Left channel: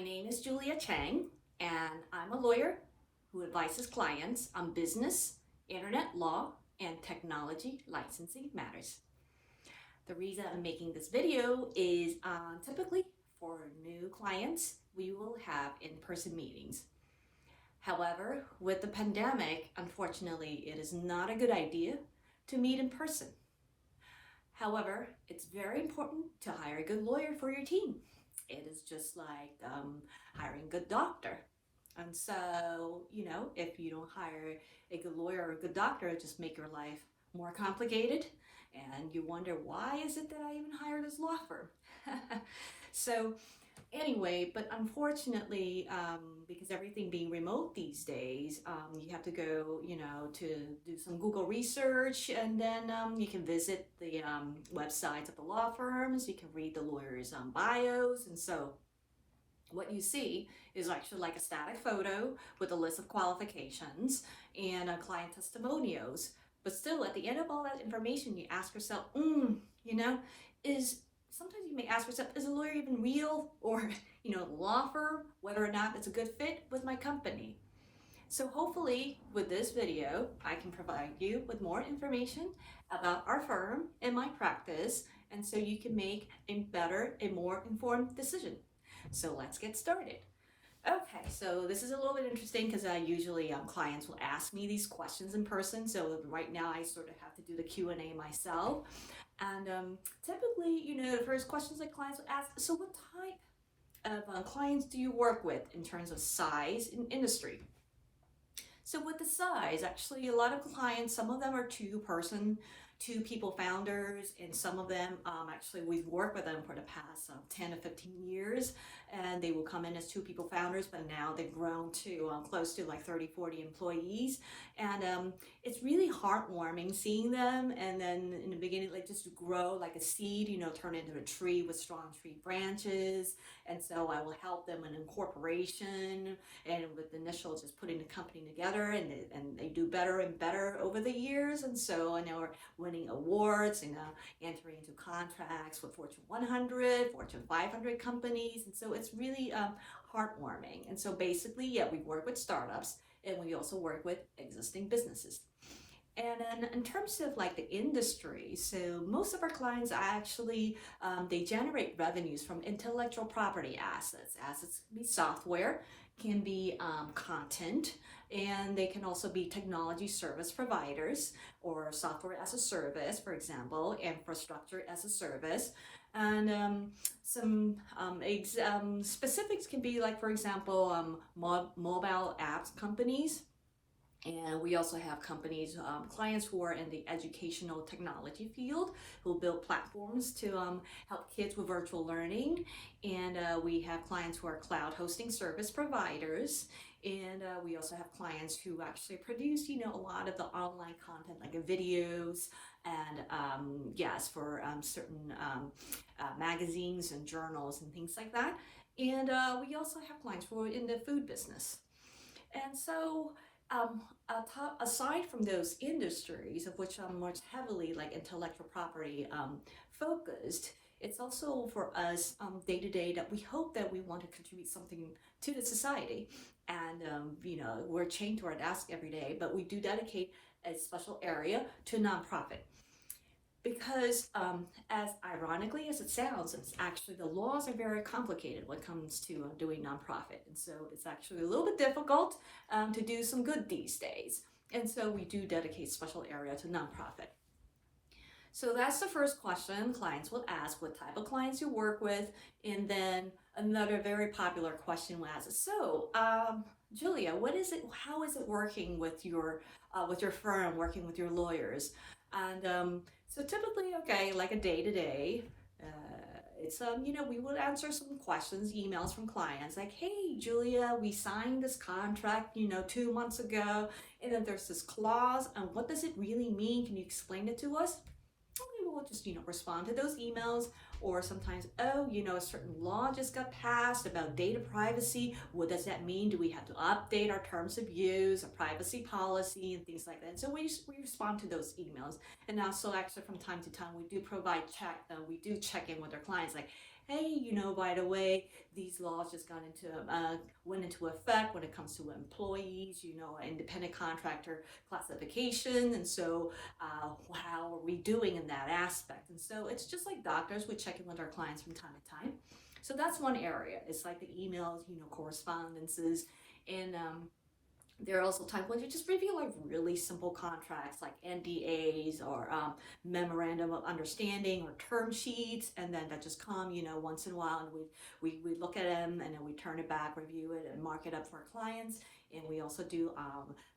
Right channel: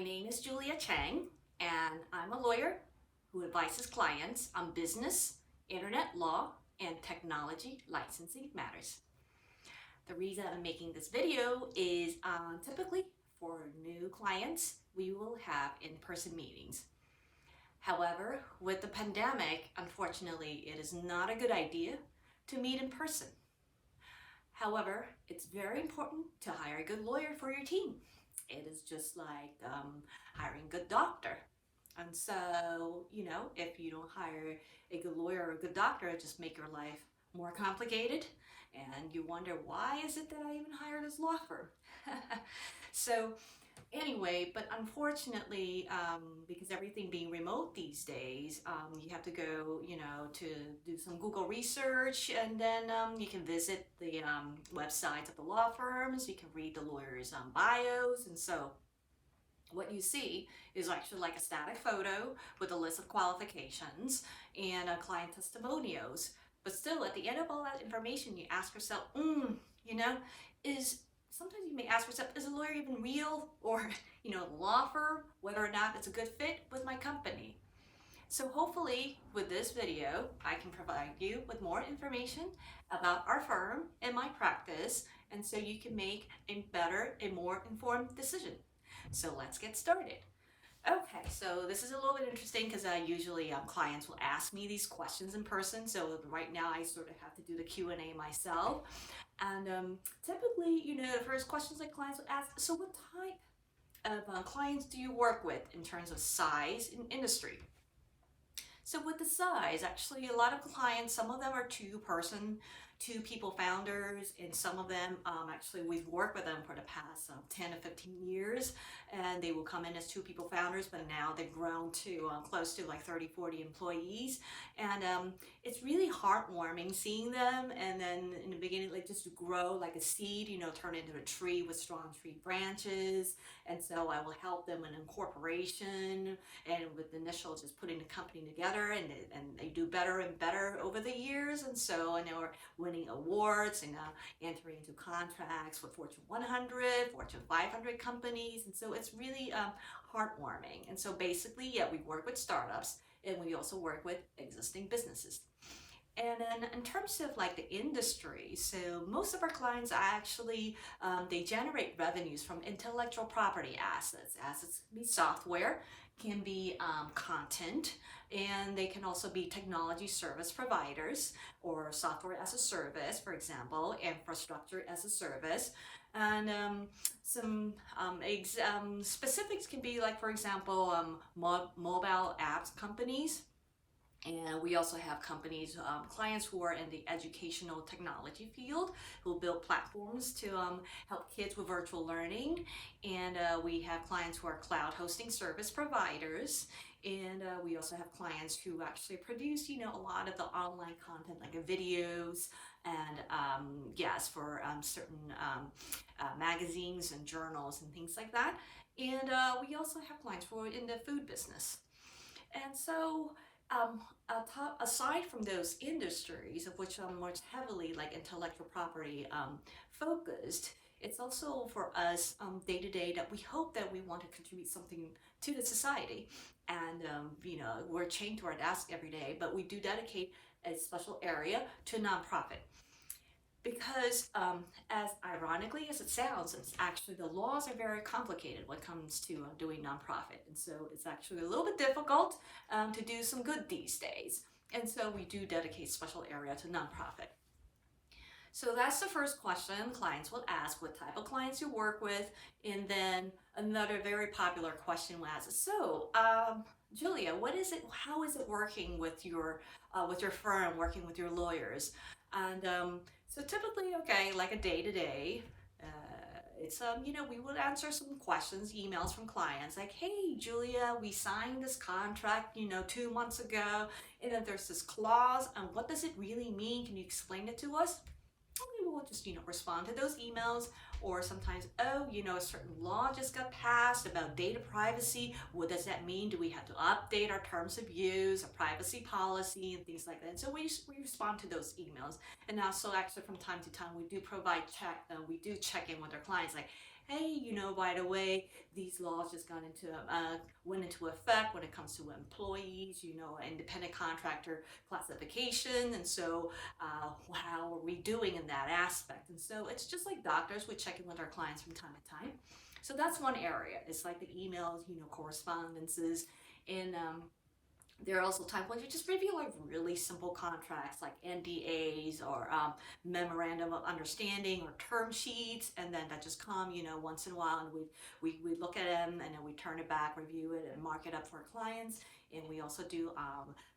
My name is Julia Cheng, and I'm a lawyer who advises clients on business, internet law, and technology licensing matters. The reason I'm making this video is typically for new clients, we will have in-person meetings. However, with the pandemic, unfortunately, it is not a good idea to meet in person. However, it's very important to hire a good lawyer for your team. It is just like hiring a good doctor. And so, if you don't hire a good lawyer or a good doctor, it just make your life more complicated. And you wonder, why is it that I even hired this law firm? So anyway, but unfortunately, because everything being remote these days, you have to go, to do some Google research, and then you can visit the websites of the law firms. You can read the lawyers' bios, and so what you see is actually like a static photo with a list of qualifications and client testimonials. But still, at the end of all that information, you ask yourself, sometimes you may ask yourself, is a lawyer even real? Or, law firm, whether or not it's a good fit with my company. So hopefully with this video, I can provide you with more information about our firm and my practice, and so you can make a better and more informed decision. So let's get started. Okay, so this is a little bit interesting because usually clients will ask me these questions in person. So right now I sort of have to do the Q&A myself. And typically, the first questions that clients will ask, so what type of clients do you work with in terms of size and industry? So with the size, actually a lot of clients, some of them are two people founders, and some of them actually we've worked with them for the past 10 to 15 years, and they will come in as two people founders, but now they've grown to close to like 30, 40 employees. And it's really heartwarming seeing them, and then in the beginning, like just grow like a seed, turn into a tree with strong tree branches. And so I will help them in incorporation and with the initial just putting the company together, and they do better and better over the years. And so I know we're winning awards and entering into contracts with Fortune 100, Fortune 500 companies. And so it's really heartwarming. And so basically, we work with startups, and we also work with existing businesses. And then in terms of like the industry, so most of our clients actually, they generate revenues from intellectual property assets. Assets can be software, can be content, and they can also be technology service providers or software as a service, for example, infrastructure as a service. And some specifics can be like, for example, mobile apps companies. And we also have companies, clients who are in the educational technology field, who build platforms to help kids with virtual learning. And we have clients who are cloud hosting service providers. And we also have clients who actually produce, a lot of the online content, like videos and for certain magazines and journals and things like that. And we also have clients who are in the food business. And so aside from those industries, of which I'm more heavily like intellectual property focused, it's also for us day to day that we hope that we want to contribute something to the society. And we're chained to our desk every day, but we do dedicate a special area to nonprofit. Because as ironically as it sounds, it's actually the laws are very complicated when it comes to doing nonprofit. And so it's actually a little bit difficult to do some good these days. And so we do dedicate special area to nonprofit. So that's the first question clients will ask, what type of clients you work with. And then another very popular question will ask, so Julia, how is it working with your firm, working with your lawyers? And so typically, like a day-to-day, it's, we would answer some questions, emails from clients like, hey, Julia, we signed this contract, 2 months ago, and then there's this clause, and what does it really mean? Can you explain it to us? We will just, respond to those emails. Or sometimes, a certain law just got passed about data privacy. What does that mean? Do we have to update our terms of use, our privacy policy, and things like that? And so we respond to those emails. And also, actually, from time to time, we do check in with our clients, like, hey, by the way, these laws just went into effect when it comes to employees, independent contractor classification. And so how are we doing in that aspect? And so it's just like doctors, we check in with our clients from time to time. So that's one area. It's like the emails, correspondences, and there are also times when you just review like really simple contracts like NDAs or memorandum of understanding or term sheets, and then that just come, once in a while, and we look at them and then we turn it back, review it, and mark it up for our clients. And we also do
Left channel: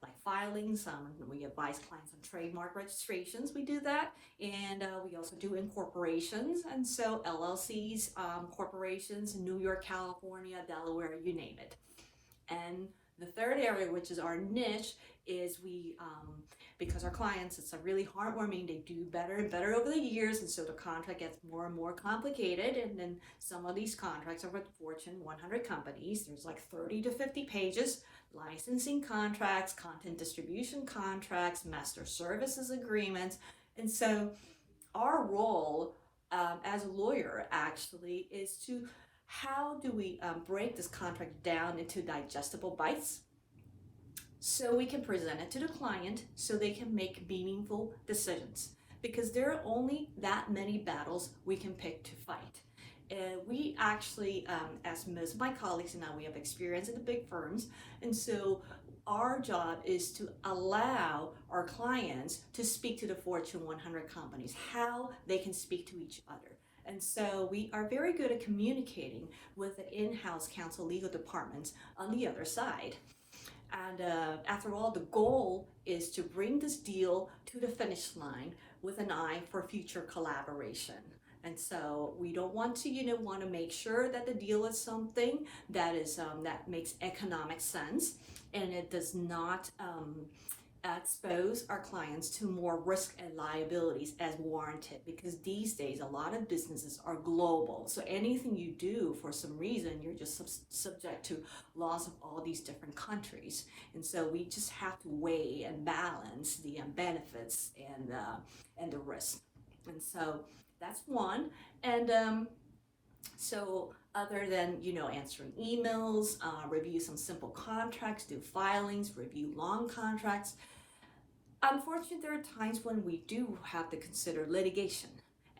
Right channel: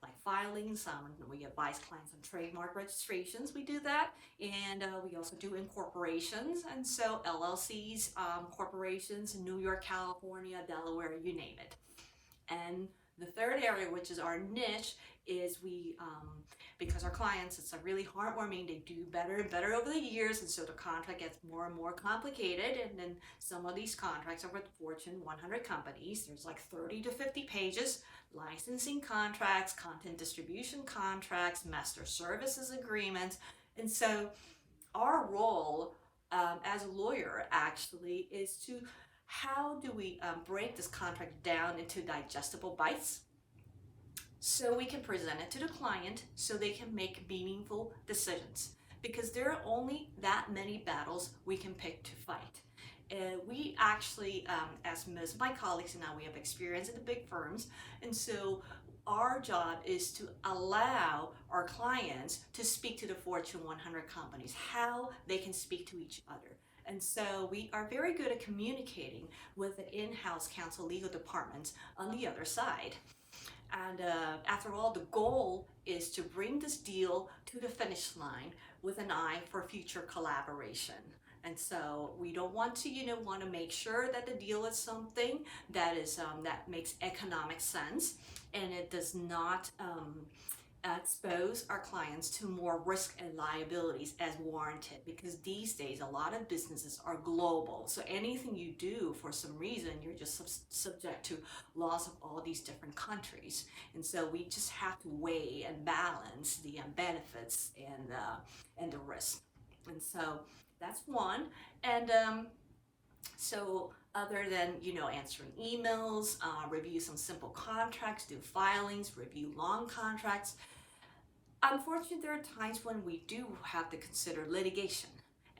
like filings. We advise clients on trademark registrations. We do that, and we also do incorporations, and so LLCs, corporations in New York, California, Delaware, you name it. And the third area, which is our niche, is because our clients, it's a really heartwarming, they do better and better over the years, and so the contract gets more and more complicated, and then some of these contracts are with Fortune 100 companies. There's like 30 to 50 pages, licensing contracts, content distribution contracts, master services agreements, and so our role as a lawyer actually is to how do we break this contract down into digestible bites so we can present it to the client so they can make meaningful decisions, because there are only that many battles we can pick to fight. We actually, as most of my colleagues and I, we have experience in the big firms, and so our job is to allow our clients to speak to the Fortune 100 companies, how they can speak to each other. And so we are very good at communicating with the in-house counsel legal departments on the other side. And after all, the goal is to bring this deal to the finish line with an eye for future collaboration. And so we don't want to, want to make sure that the deal is something that is that makes economic sense, and it does not expose our clients to more risk and liabilities as warranted, because these days a lot of businesses are global, so anything you do for some reason you're just subject to laws of all these different countries, and so we just have to weigh and balance the benefits and the risk. And so that's one. And so other than answering emails, review some simple contracts, do filings, review long contracts, unfortunately, there are times when we do have to consider litigation,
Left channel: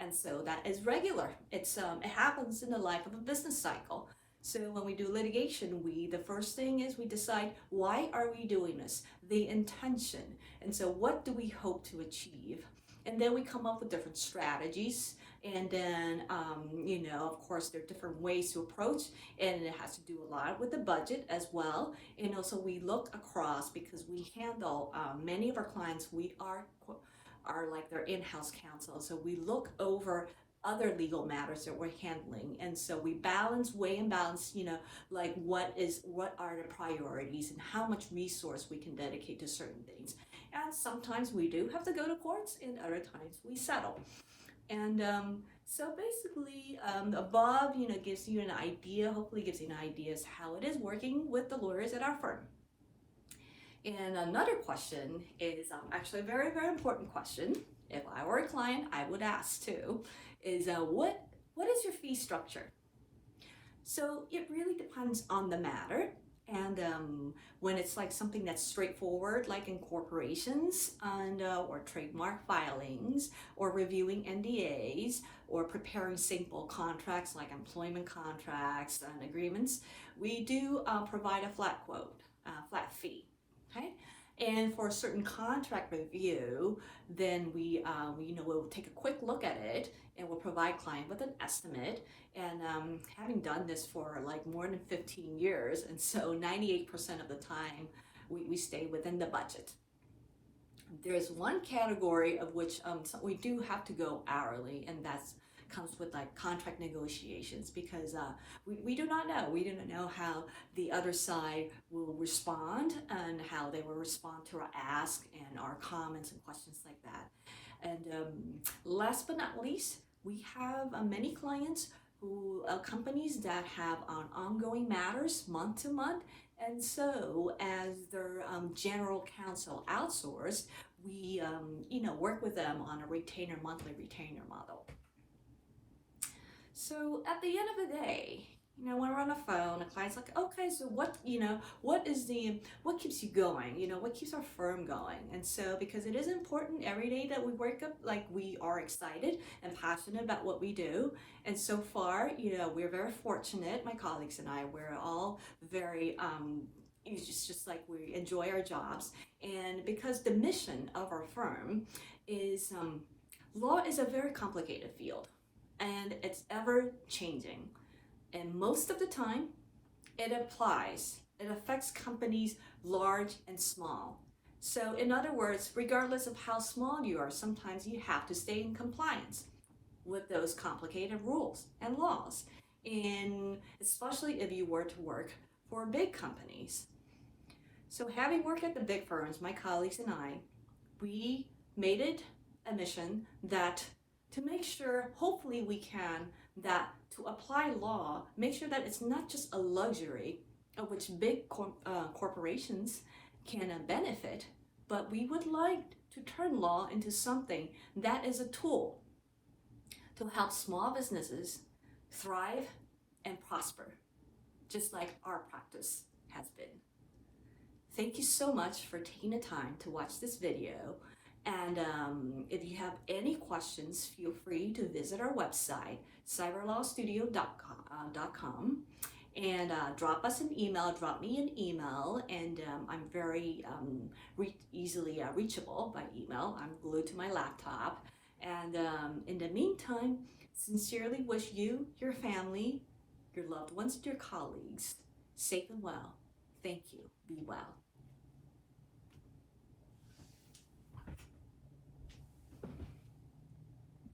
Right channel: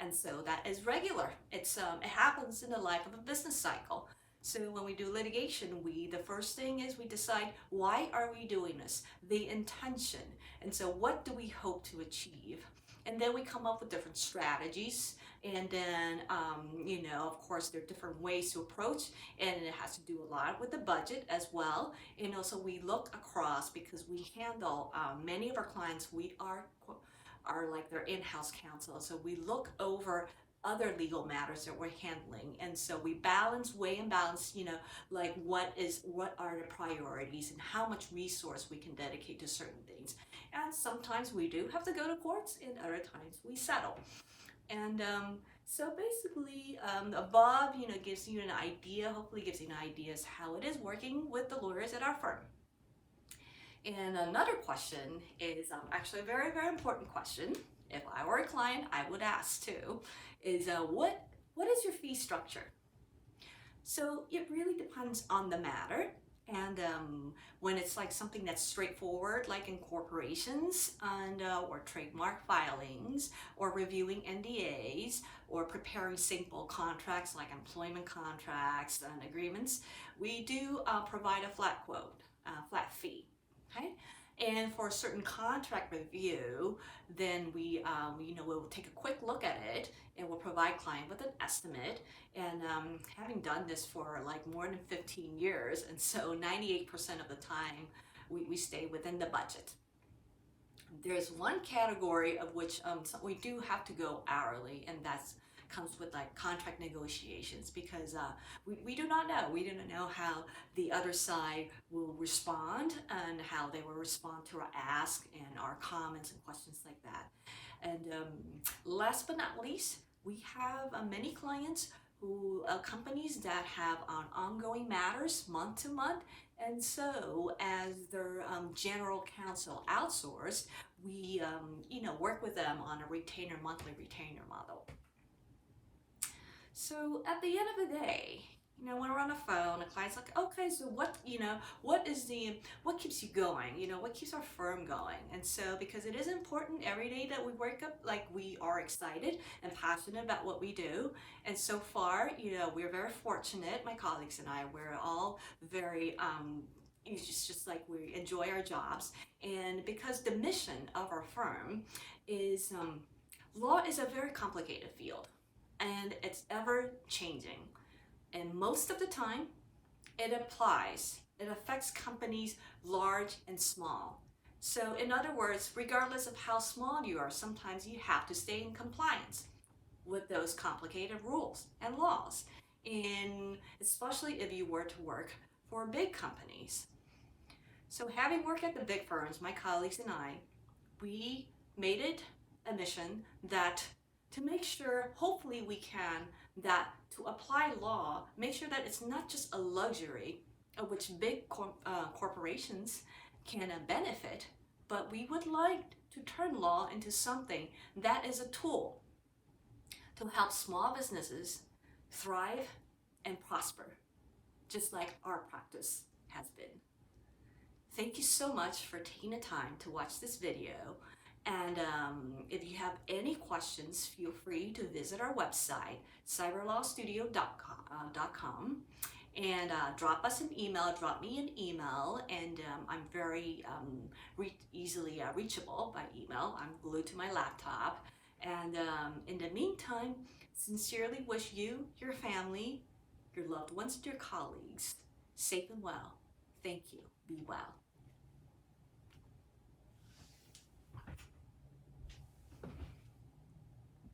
and so that is regular. It happens in the life of a business cycle. So when we do litigation, the first thing is we decide, why are we doing this? The intention, and so what do we hope to achieve? And then we come up with different strategies. And then, of course, there are different ways to approach, and it has to do a lot with the budget as well. And also we look across, because we handle many of our clients, we are like their in-house counsel. So we look over other legal matters that we're handling. And so we weigh and balance, like what are the priorities and how much resource we can dedicate to certain things. And sometimes we do have to go to courts, and other times we settle. And so basically, above, gives you an idea, hopefully gives you an idea as how it is working with the lawyers at our firm. And another question is actually a very, very important question. If I were a client, I would ask too, is what is your fee structure? So it really depends on the matter. And when it's like something that's straightforward, like incorporations and or trademark filings, or reviewing NDAs, or preparing simple contracts like employment contracts and agreements, we do provide a flat flat fee. Okay. And for a certain contract review, then we'll take a quick look at it, and we'll provide client with an estimate. And having done this for like more than 15 years, and so 98% of the time we stay within the budget. There's one category of which we do have to go hourly, and that's comes with like contract negotiations, because we do not know. We do not know how the other side will respond, and how they will respond to our ask and our comments and questions like that. And last but not least, we have many clients companies that have ongoing matters month to month, and so as their general counsel outsourced, we work with them on a monthly retainer model. So at the end of the day, when we're on the phone, a client's like, okay, so what what keeps you going? What keeps our firm going? And so, because it is important every day that we wake up, like, we are excited and passionate about what we do. And so far, we're very fortunate, my colleagues and I, we're all very, it's just like we enjoy our jobs. And because the mission of our firm is, law is a very complicated field and it's ever changing. And most of the time, it affects companies large and small. So in other words, regardless of how small you are, sometimes you have to stay in compliance with those complicated rules and laws. And especially if you were to work for big companies. So having worked at the big firms, my colleagues and I, we made it a mission that to make sure, hopefully we can, that to apply law, make sure that it's not just a luxury of which big corporations can benefit, but we would like to turn law into something that is a tool to help small businesses thrive and prosper, just like our practice has been. Thank you so much for taking the time to watch this video. And if you have any questions, feel free to visit our website, CyberlawStudio.com, and drop us an email, drop me an email, and I'm very easily reachable by email. I'm glued to my laptop. And in the meantime, sincerely wish you, your family, your loved ones, and your colleagues safe and well. Thank you. Be well.